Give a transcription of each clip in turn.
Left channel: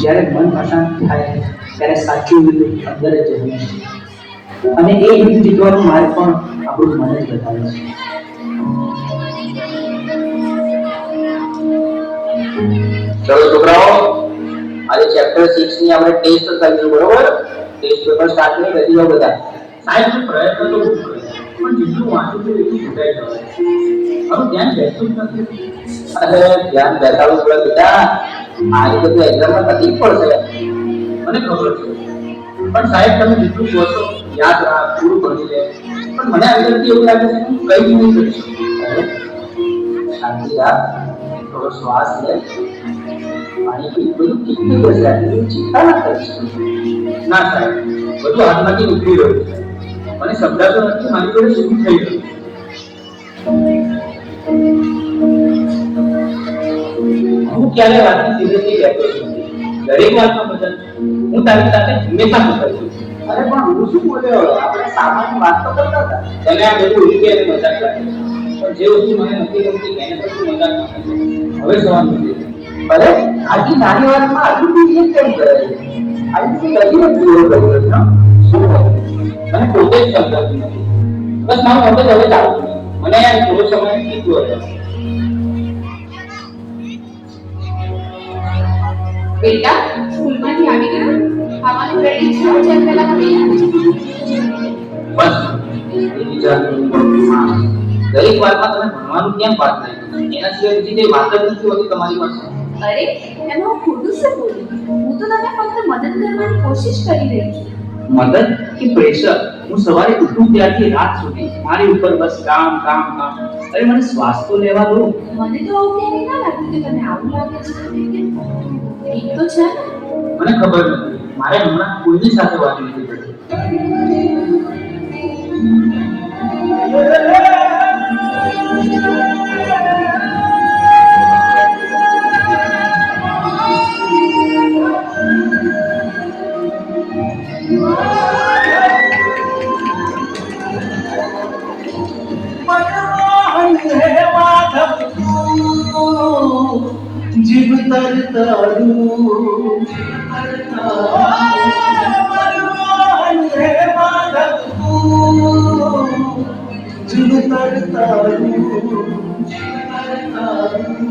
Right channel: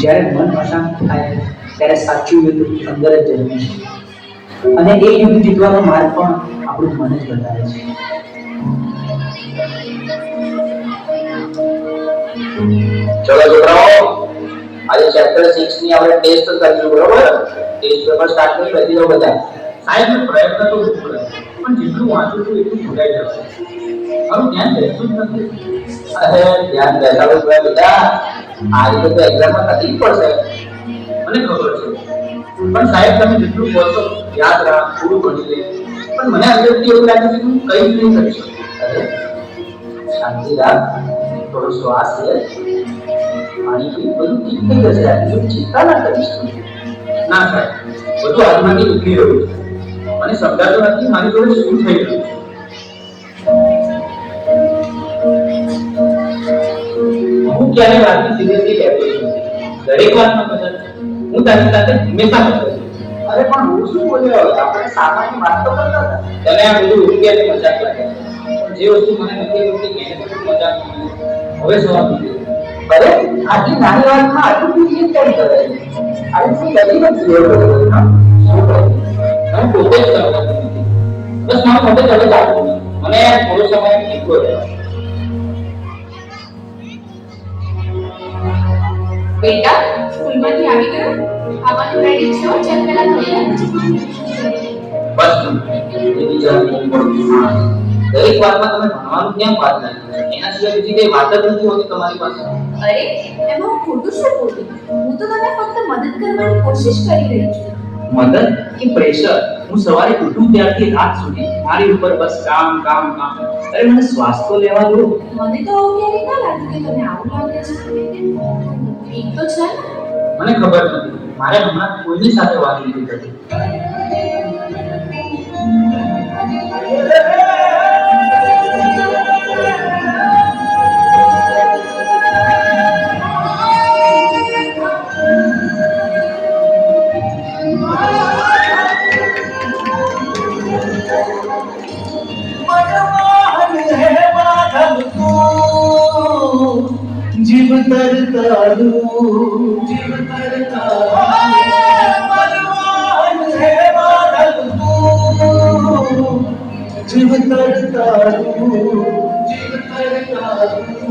જ્યારે મન અશાંત થાય ત્યારે સાચું યુદ્ધ અંદર જ જન્મે છે અને એ યુદ્ધ જીતવાનો માર્ગ પણ આપણું મન જ બતાવે છે. ચલો છોકરાઓ, આજે ચેપ્ટર 6 ની આપણે ટેસ્ટ કરીશું, બરોબર? ટેસ્ટ પેપર સ્ટાર્ટ કરી બેસી જાઓ બધા. સાહેબ પ્રયત્ન તો ખૂબ કરે પણ જેટલું વાંચું છું એટલું ભૂલાઈ જવાય. મારું ધ્યાન બેસતું જ નથી. અરે ધ્યાન બેસાડો થોડા બેટા, આજે તો એક્ઝામમાં તકલીફ પડશે. મને ખબર છે પણ સાહેબ તમે જેટલું કહો છો યાદ રાખ, પૂરું ભણી લે, પણ મને અંદરથી એવું લાગે છે કે હું કંઈ જ નહીં કરી શકું. અરે શાંતિ રાખ, થોડો શ્વાસ લે, પાણી પી, બધું ઠીક થઈ જશે. આટલી ચિંતા ના કરીશ. ના સાહેબ, બધું હાથમાંથી નીકળી રહ્યું છે. મને સમજાતું નથી મારી જોડે શું થઈ રહ્યું છે. હું ક્યારે રાતની સિરિયસલી કહેતો છું દરેક વાતમાં મદદ હું તારી સાથે હંમેશા મદદ છું. અરે પણ હું શું બોલ્યો? આપણે સામાન્ય વાત તો કરતા હતા. તમે આ બધું ઉડકી અને મજાક લાગ્યા પણ જે વસ્તુ મને નથી ગમતી એને પણ તું મજાક માને છે. હવે સવાલ નથી. અરે આટલી નાની વાતમાં આટલું બી કેમ કરે છે? આટલી બધી જ જોયો કર્યો શું કહું? મને પોતે જ સમજાતું નથી. બસ મારું મગજ હવે ચાલતું નથી. મને યાર થોડો સમય નીકળો રહ્યો. બેટા સ્કૂલમાંથી આવી ગયો? ખાવાનું રેડી છે? જેમ પહેલા તૈયાર બસ એ બીજાની દરેક વાતમાં તમે ભણવાનું કેમ વાત નાખી? એના સિવાય બીજી કઈ વાત જ નથી હોતી તમારી પાસે. અરે એમાં હું ખોટું શું બોલું? હું તો તને ફક્ત મદદ કરવાની કોશિશ કરી રહી છું. મદદ કે પ્રેશર? હું સવારે ઉઠું ત્યારથી રાત સુધી મારી ઉપર બસ કામ કામ કામ. અરે મને શ્વાસ તો લેવા દો. મને તો આવું ક્યારેય ના લાગ્યું કે તને આવું લાગે છે. ઠીક તો છે ને? મને ખબર નથી. મારે હમણાં કોઈની સાથે વાત નથી કરવી. જીવ તરતાડું જીવ તરતાડું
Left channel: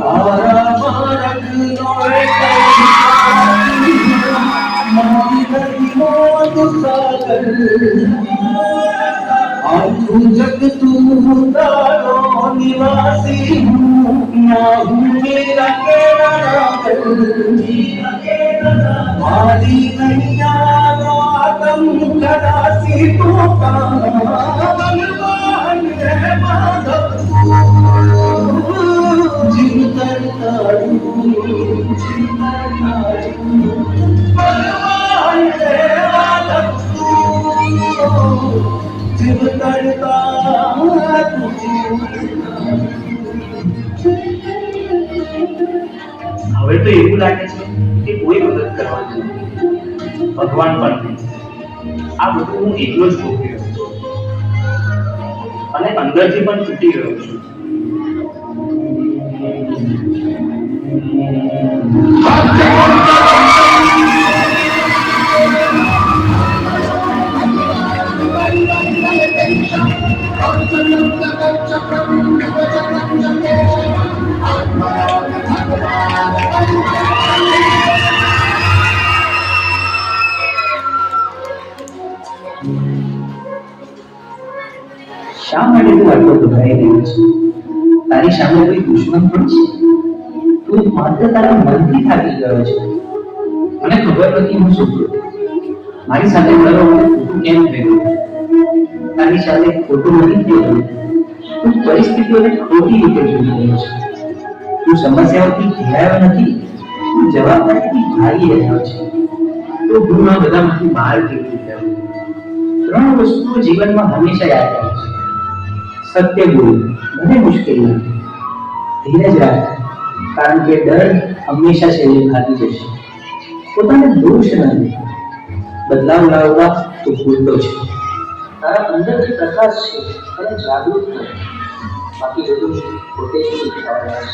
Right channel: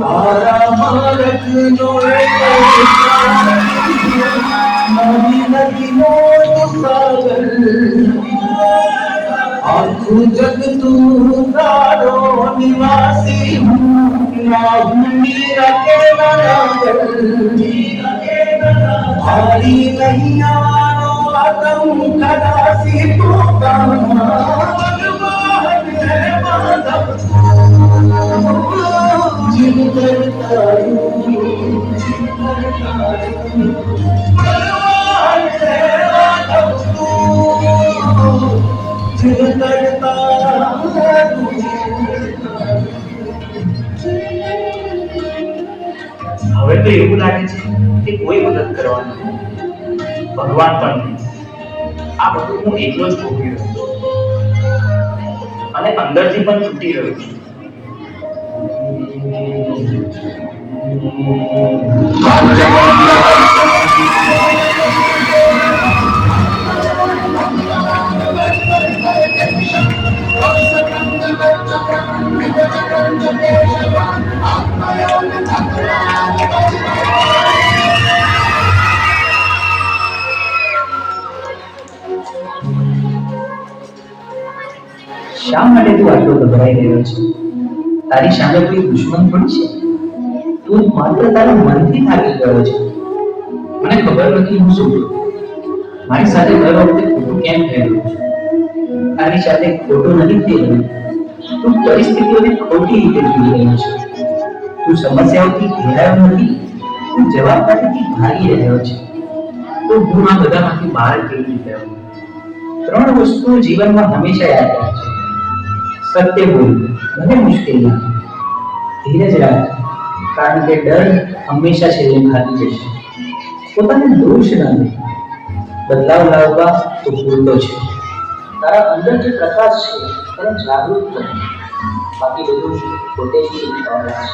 આરા મારક નો મારી નદી નો સાગર આખું જગ તું તારો નિવાસી હું ના હું મેરા કેવડા મારી નૈયાનો આતમ કદાસી ટોકાના ભગવાન હે માધવ જીવ તરતાડું ભગવાન હે માધવ જીવ તરતાડું. હવે તો એવું લાગે છે કે કોઈ મદદ કરવાનું નથી, ભગવાન પણ નહીં. આ બધું હું એકલો જ ભોગવી રહ્યો છું અને અંદરથી પણ તૂટી રહ્યો છું. શા માટે તું આટલો ગભરાઈ રહ્યો છે? તારી સામે કોઈ દુશ્મન થોડી છે. તું માત્ર તારા મનથી થાકી ગયો છે. મને ખબર નથી હું શું કરું. મારી સાથે દર વખતે ખોટું કેમ થઈ રહ્યું છે? તારી સાથે ખોટું નથી થઈ રહ્યું. તું પરિસ્થિતિઓને ખોટી રીતે જોઈ રહ્યો છે. તું સમસ્યાઓથી ઘેરાયો નથી, તું જવાબદારીથી ભાગી રહ્યો છે. તો હું આ બધામાંથી બહાર કેવી રીતે આવું? 3 વસ્તુઓ જીવનમાં હંમેશા યાદ રાખજો. સત્ય બોલ, ભલે મુશ્કેલ લાગે. ધીરજ રાખ, કારણ કે ડર હંમેશા છેલ્લે ભાગી જશે. પોતાને દોષ ન દે. બદલાવ લાવવા તો ભૂલતો છે. તારા અંદર જે પ્રકાશ છે એને જાગૃત કર. બાકી બધું પોતે જ શીખવા મળે છે.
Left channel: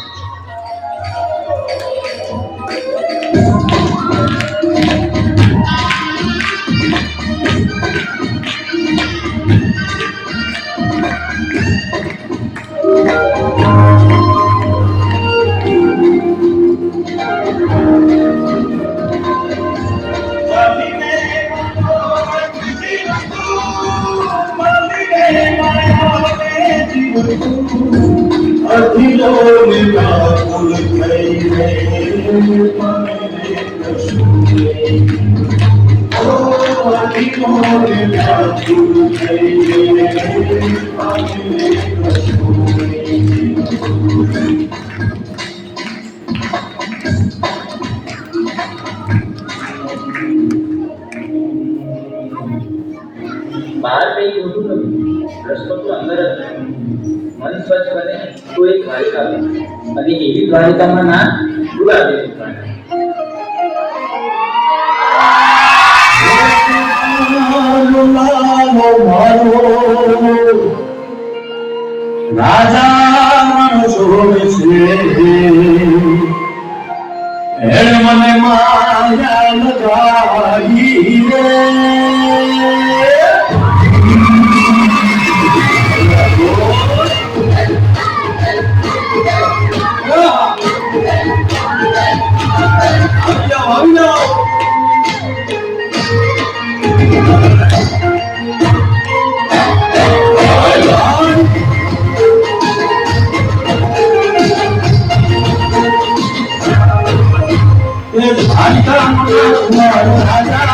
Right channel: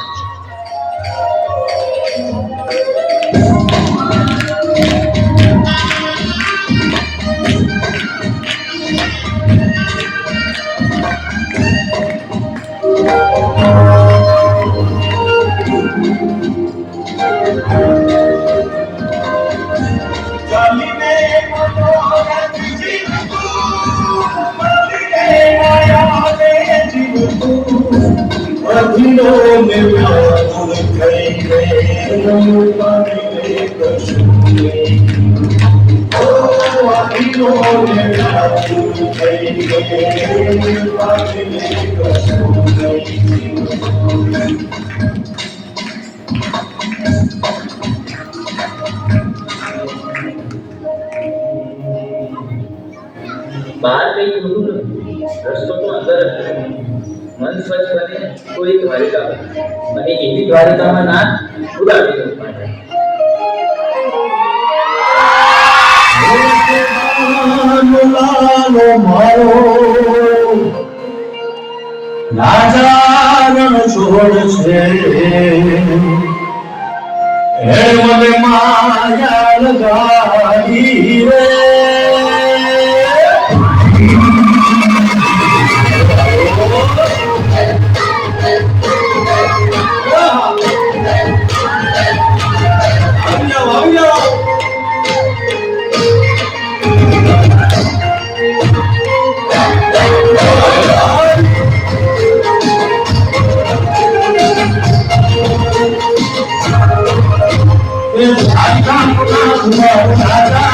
બહાર કઈ ખોટું નથી, રસ્તો તો અંદર જ છે. મન સ્વચ્છ બને તો એક દ્વારિકા બને. અને એવી દ્વારિકામાં ના ગુલાબી પાણી. લાલો મારો રાજા છોડ છે એ મને માયા લગાવી રે આવી જાઓ મારો રાજા